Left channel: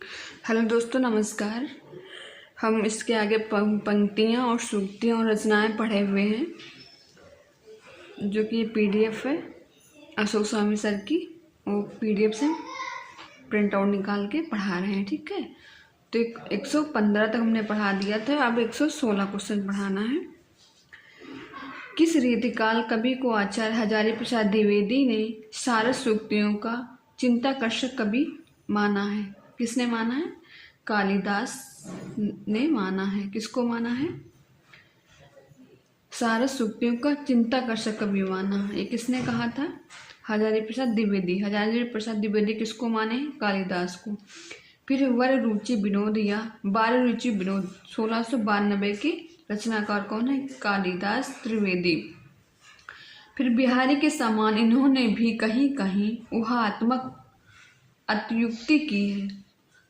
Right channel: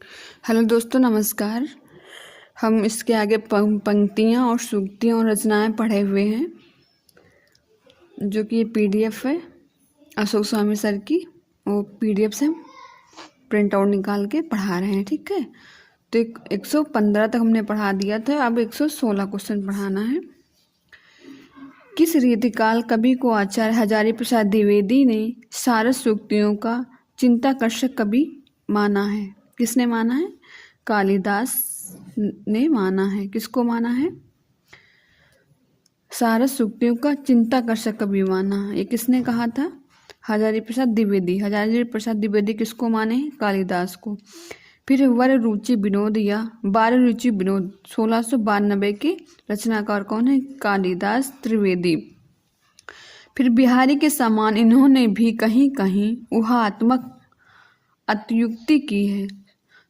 Hello दोस्तों, नमस्कार। हम इसके आगे पंक्तियाँ और सूक्तियाँ और रचनाएं पढ़े हुए हैं, जो कि ये पीडीएफ है अशोक स्वामी सर की। वो पीडीएफ से प्रिंट आउट निकाल के पढ़ा रहे हैं, ठीक है। तो 115 तक हमने पढ़ा दिया था, अब 116 क्वेश्चन पढ़ाना है। किस रीतिकाल कवि को आचार्य हजारी प्रसाद द्विवेदी ने सारस सूक्तियों का चिंताकर्षक कवि माना है? किसने माना है? कालिदास ने माना है। किसको माना है? सारस सूक्तियों का चिंताकर्षक कवि माना है। ये किसने कहा था? हजारी प्रसाद द्विवेदी। हजारी प्रसाद द्विवेदी किसको माने? कालिदास को। फिर वर रुचि विनोद या बाल रुचि विनोद 1692 के रचनाकार कौन है? कालिदास त्रिवेदी। फिर बिहारी के समान इन्होंने भी कहीं कहीं ऊहात्मक अत्युक्ति की है।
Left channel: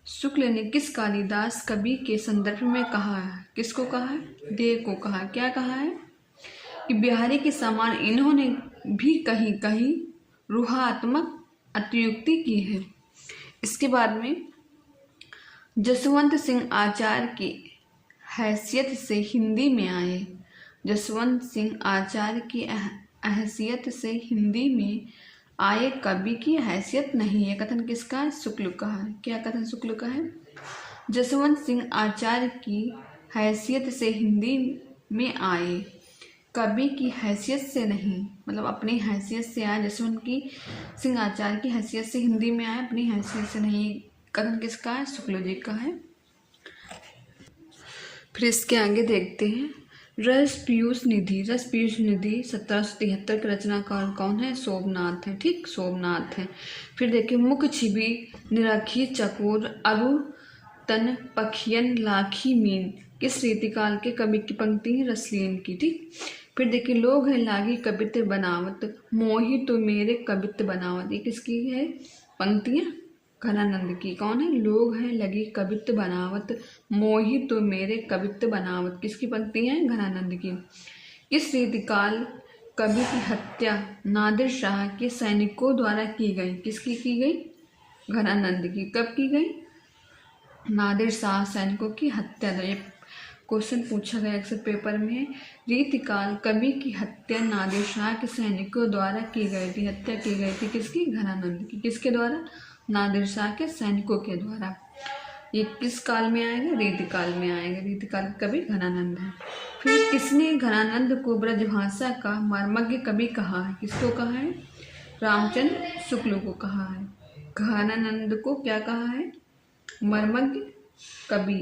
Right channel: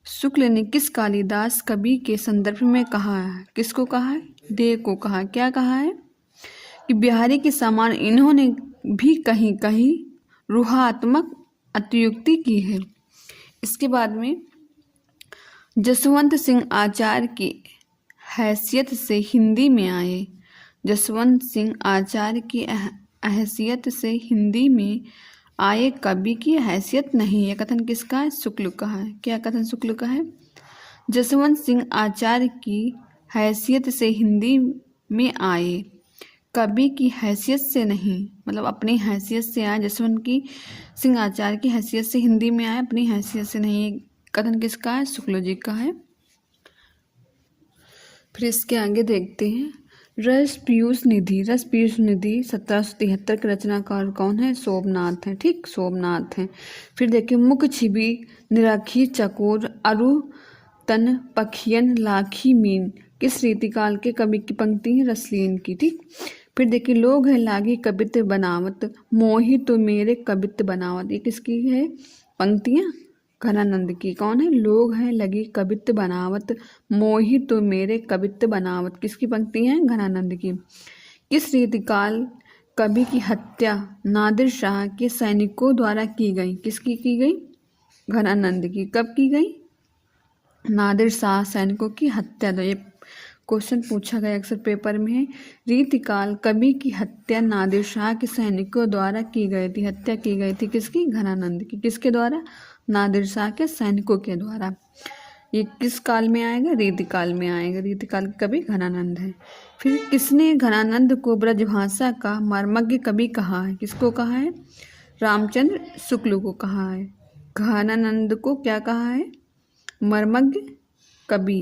शुक्ल ने किस कालिदास कवि के संदर्भ में कहा है? किसको कहा है? देव को कहा। क्या कहा है? कि बिहारी के समान इन्होंने भी कहीं कहीं रूहात्मक अत्युक्ति की है। इसके बाद में जसवंत सिंह आचार्य की हैसियत से हिंदी में आए। जसवंत सिंह आचार्य की हैसियत से हिंदी में आए कवि की हैसियत नहीं है। कथन किसका है? शुक्ल का है। क्या कथन शुक्ल का है? जसवंत सिंह आचार्य की हैसियत से हिंदी में आए, कवि की हैसियत से नहीं, मतलब अपनी हैसियत से आए। जसवंत की सिंह आचार्य की हैसियत से हिंदी में आए, अपनी हैसियत से नहीं। कथन किसका है? शुक्ल जी का है। फिर इसके आगे देखते हैं रस पीयूष निधि। रस पीयूष निधि 1773 के रचनाकार कौन है? सोमनाथ है, ठीक, सोमनाथ है। फिर देखिए मुख छिबी निराखी चकोर अरु तन पखियन लाखी मीन किस रीतिकाल के कवि की पंक्ति है? रसलीन की, ठीक। फिर देखिए लोग है लागी कवित्व बनावत मोहि तो मेरे कवित्व बनावत। ये किसकी है पंक्तियाँ? घनानंद की। कौन है? लोग हैं लगी कवित्व बनावत मोहि तो मेरे कवित्व बनावत। किसकी पंक्ति है? घनानंद की। किस रीतिकाल कवि की हत्या नादिर शाह के सैनिकों द्वारा की गई? किसकी की गई? घनानंद की। कब की गई? नादिर शाह सैनिकों की हत्या। तो ये क्वेश्चन पूछा गया अक्सर पेपर में है। रीतिकाल कवि की हत्या नादिर शाह के सैनिकों द्वारा की गई थी। हत्या की गई थी किसकी? घनानंद की। किसके द्वारा? नादिर शाह के सैनिकों के द्वारा। ये किस काल में आएगा? रीतिकाल में आएगा। रीतिकाल कवि घनानंद है। फिर किसने घनानंद को ब्रजभाषा का मर्मज्ञ कवि कहा है? किसको कहा है? रामचंद्र शुक्ल को कहा है। घनानंद को क्या कहा है? मर्मज्ञ कवि।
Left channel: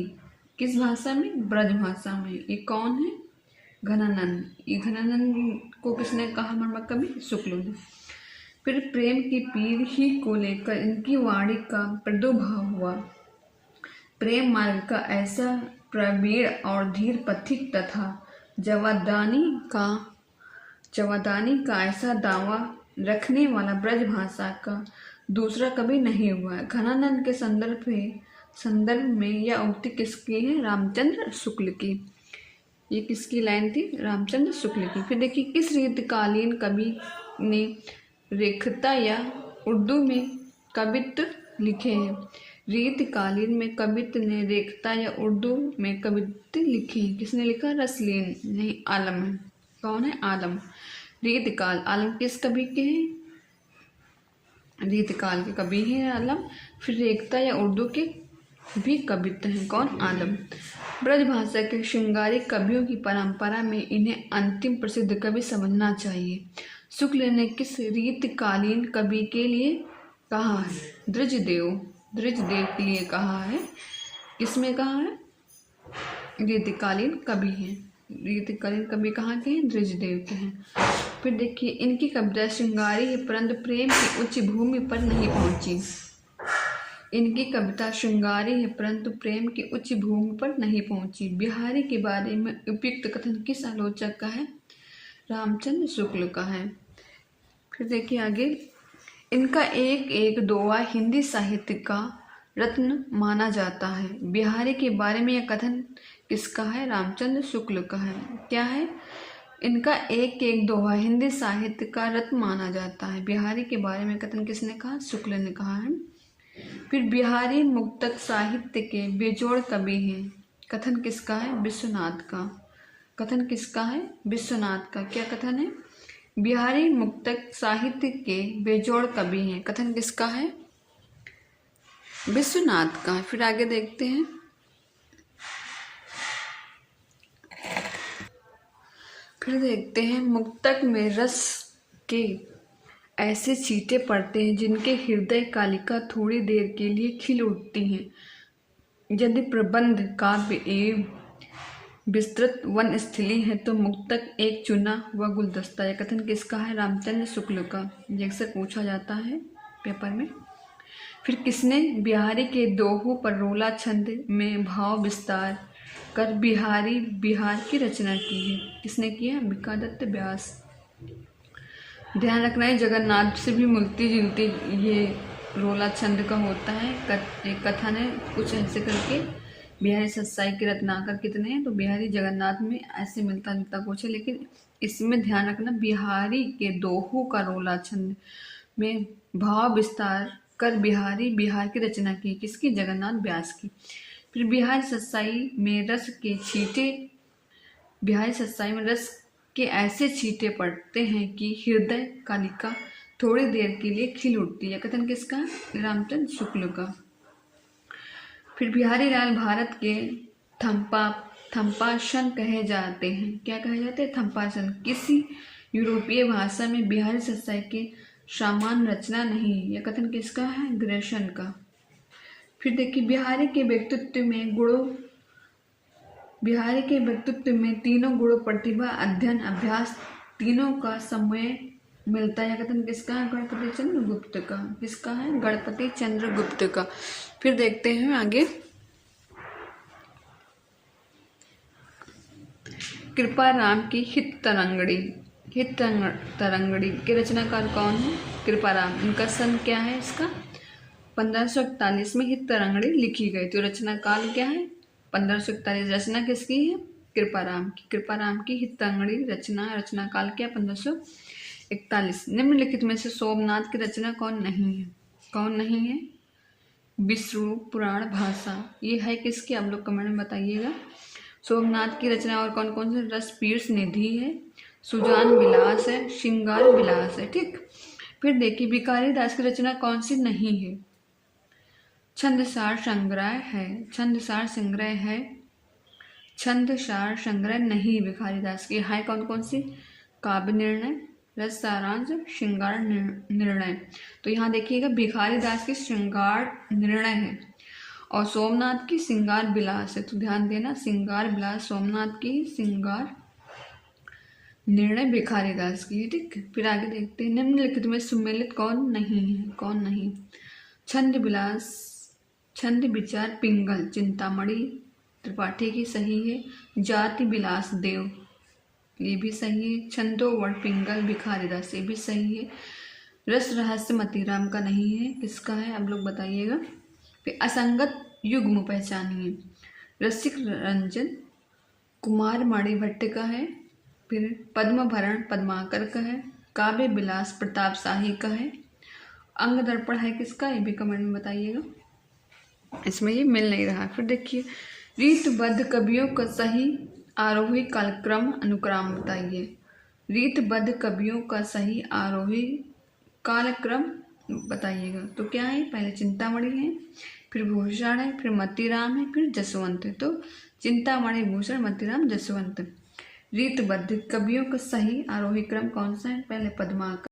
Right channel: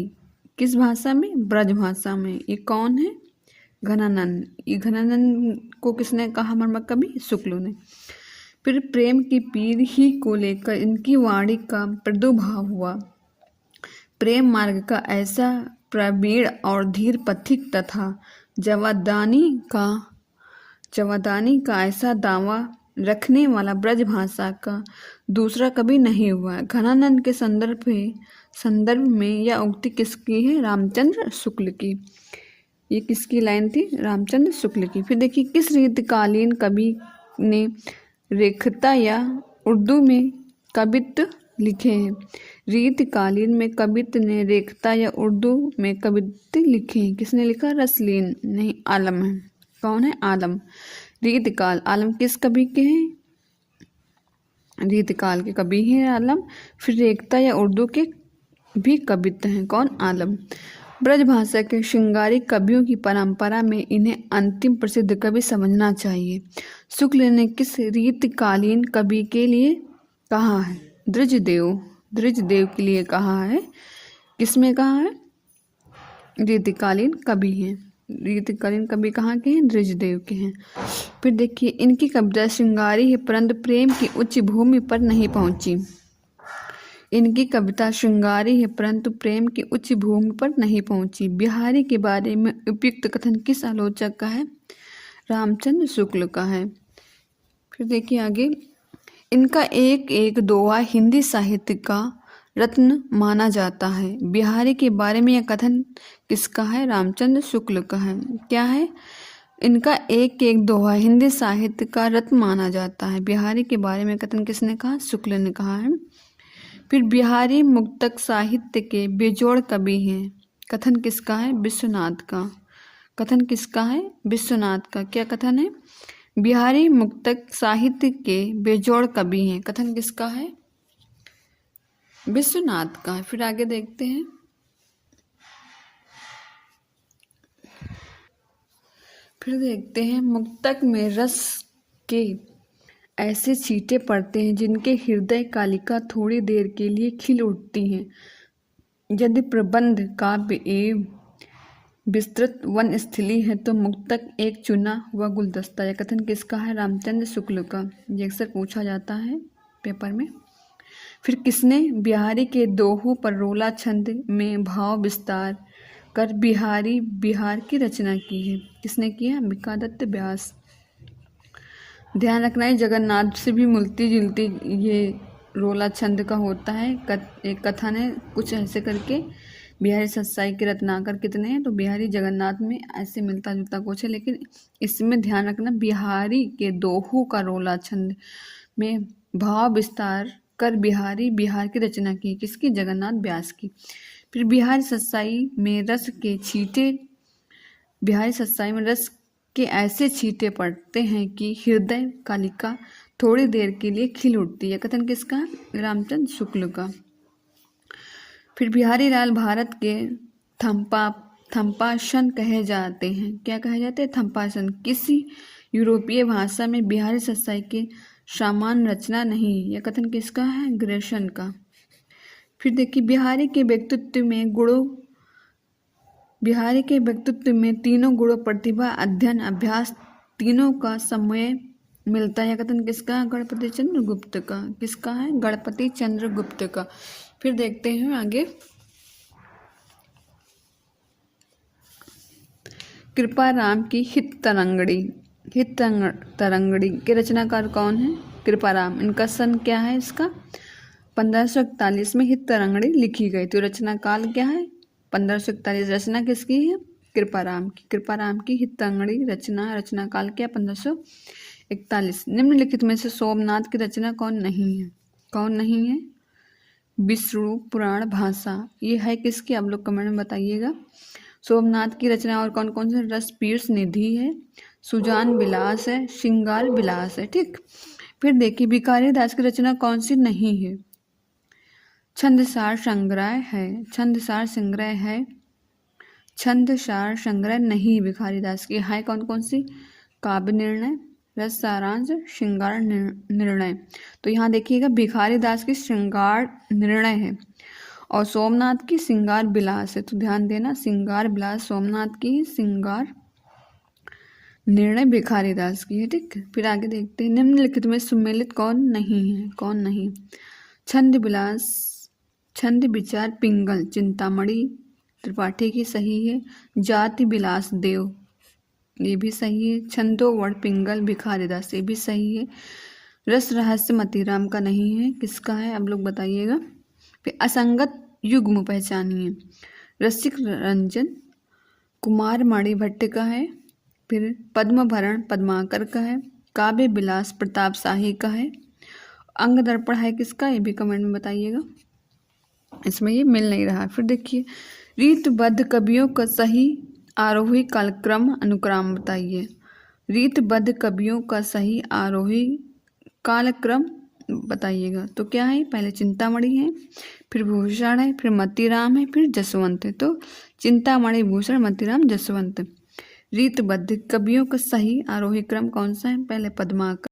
किस भाषा में? ब्रजभाषा में। ये कौन है? घनानंद। ये घनानंद को किसने कहा मर्मज्ञ कवि? शुक्ल ने। फिर प्रेम की पीर ही को लेकर इनकी वाणी का प्रादुर्भाव हुआ। प्रेम मार्ग का ऐसा प्रवीण और धीर पथिक तथा जवादानी का ऐसा दावा रखने वाला ब्रजभाषा का दूसरा कवि नहीं हुआ। घनानंद के संदर्भ में यह उक्ति किसकी है? रामचंद्र शुक्ल की। ये किसकी लाइन थी? रामचंद्र शुक्ल की। फिर देखिए किस रीतिकालीन कवि ने रेखता या उर्दू में कवित्व लिखे हैं? रीतिकालीन में कवित्व ने रेखता या उर्दू में कवित्व लिखे हैं। किसने लिखा? रसलीन नहीं, आलम है। कौन है? आलम। रीतिकाल आलम किस कवि के हैं? रीतिकाल के कवि हैं आलम। फिर रेखता या उर्दू के भी कवित्व हैं। कौन? आलम। ब्रजभाषा के श्रृंगारी कवियों की परंपरा में इन्हें अंतिम प्रसिद्ध कवि समझना चाहिए। शुक्ल ने किस रीतिकालीन कवि के लिए कहा है? द्विजदेव के लिए कहा है। किसमें कहा है? रीतिकालीन कवि हैं। रीतिकालीन कवि कहाँ के हैं? द्विजदेव के हैं। फिर देखिए इनकी कविता श्रृंगारी है परंतु प्रेम की उच्च भूमि पर नहीं पहुंची। इनकी कविता श्रृंगारी है परंतु प्रेम की उच्च भूमि पर नहीं पहुंची। बिहारी के बारे में उपयुक्त कथन किस आलोचक का है? रामचंद्र शुक्ल का है। फिर देखिए आगे इनका एक एक दोहा हिंदी साहित्य का रत्न माना जाता है। बिहारी के बारे में यह कथन किसका है? रामचंद्र शुक्ल का है। क्या है? इनका एक एक दोहा हिंदी साहित्य का रत्न माना जाता है। बिहारी के बारे में कथन किसने कहा? शुक्ल ने कहा है। फिर बिहारी मुक्तक साहित्य के बेजोड़ कवि हैं। कथन किसका है? विश्वनाथ का। कथन किसका है? विश्वनाथ का। क्या कथन है? बिहारी मुक्तक साहित्य के बेजोड़ कवि हैं। कथन किसका है? विश्वनाथ का। फिर आगे देखते हैं। फिर देखते हैं, मुक्तक में रस के ऐसे छींटे पड़ते हैं जिनके हृदय कालिका थोड़ी देर के लिए खिल उठती हैं। यदि प्रबंध काव्य एवं विस्तृत वनस्थली है तो मुक्तक एक चुना हुआ गुलदस्ता। यह कथन किसका है? रामचंद्र शुक्ल का। ये अक्सर पूछा जाता है पेपर में। फिर किसने बिहारी के दोहों पर रोला छंद में भाव विस्तार कर बिहारी बिहार की रचना की है? किसने की है? अंबिकादत्त व्यास। ध्यान रखना है, जगन्नाथ से भी मिलती जुलती ये रोला छंद का होता है। एक कथन है कुछ ऐसे करके, बिहारी सत्साई के रत्नाकर कितने हैं? तो बिहारी जगन्नाथ में ऐसे मिलता जुलता कुछ है, लेकिन इसमें ध्यान रखना बिहारी के दोहों का रोला छंद में भाव विस्तार कर बिहारी बिहार की रचना की। किसकी? जगन्नाथ व्यास की। फिर बिहारी सत्साई में रस के छींटे, बिहारी सत्साई में रस के ऐसे छींटे पड़ते हैं कि हृदय कालिका थोड़ी देर के लिए खिल उठती है। कथन किसका? रामचंद्र शुक्ल का। फिर बिहारी लाल भारत के थम्पासन कहे जाते हैं। क्या कहे जाते हैं? थम्पासन। किसी यूरोपीय भाषा में बिहारी सत्साई के समान रचना नहीं। यह कथन किसका है? ग्रेसन का। फिर देखिए, बिहारी के व्यक्तित्व में तीनों गुणों प्रतिभा, अध्ययन, अभ्यास तीनों का समन्वय मिलता है। कथन किसका है? गणपति चंद्र गुप्त का। किसका है? गणपति चंद्र गुप्त का। फिर देखते हैं आगे, कृपाराम की हित तरंगड़ी के रचनाकार कौन है? कृपाराम। इनका सन क्या है? इसका 1541 में हित तरंगड़ी लिखी गई। तो रचनाकाल क्या है? 1541। रचना किसकी है? कृपाराम की। कृपाराम की हित तरंगड़ी रचनाकाल क्या? 1541। निम्नलिखित में से सोमनाथ की रचना कौन नहीं है? कौन नहीं है? विष्णु पुराण भाषा। ये है किसकी? आप लोग कमेंट में बताइएगा। सोमनाथ की रचना और कौन कौन से? रस पीयूष निधि है, सुजान विलास है, श्रृंगार विलास है। ठीक। फिर देखिए, भिखारी दास की रचना कौन सी नहीं है? छंदसार संग्रह नहीं भिखारी दास की। है कौन कौन सी? काव्य निर्णय, रस सारांश, श्रृंगार निर्णय। तो यहाँ देखिएगा, भिखारी दास की श्रृंगार निर्णय है और सोमनाथ की श्रृंगार विलास है। तो ध्यान देना, श्रृंगार विलास सोमनाथ की, श्रृंगार निर्णय भिखारी दास की है। ठीक। फिर आगे देखते हैं, निम्नलिखित में सुमेलित कौन नहीं है? कौन नहीं? छंद विचार पिंगल चिंतामणि त्रिपाठी की सही है। जाति विलास देव, ये भी सही है। छंदोवर्ण पिंगल भिखारी दास, ये भी सही है। रस रहस्य मतीराम का नहीं है। किसका है? आप लोग बताइएगा। फिर असंगत युग्म पहचानिए। रसिक रंजन कुमार मणि भट्ट का है। फिर पद्मभरण पद्माकर का है। काव्य विलास प्रताप शाही का है। अंग दर्पण है किसका? ये भी कमेंट में बताइएगा। इसमें ये मिल नहीं रहा। फिर देखिए, रीतबद्ध कवियों का सही आरोही कालक्रम अनुक्रम बताइए। रीतबद्ध कवियों का सही आरोही कालक्रम बताइएगा। तो क्या है? पहले चिंतामणि है, फिर भूषण है, फिर मतीराम है, फिर जसवंत है। तो चिंतामणि, भूषण, मतीराम, जसवंत। रीतबद्ध कवियों का सही आरोही क्रम कौन सा है? पहले पद्माकर,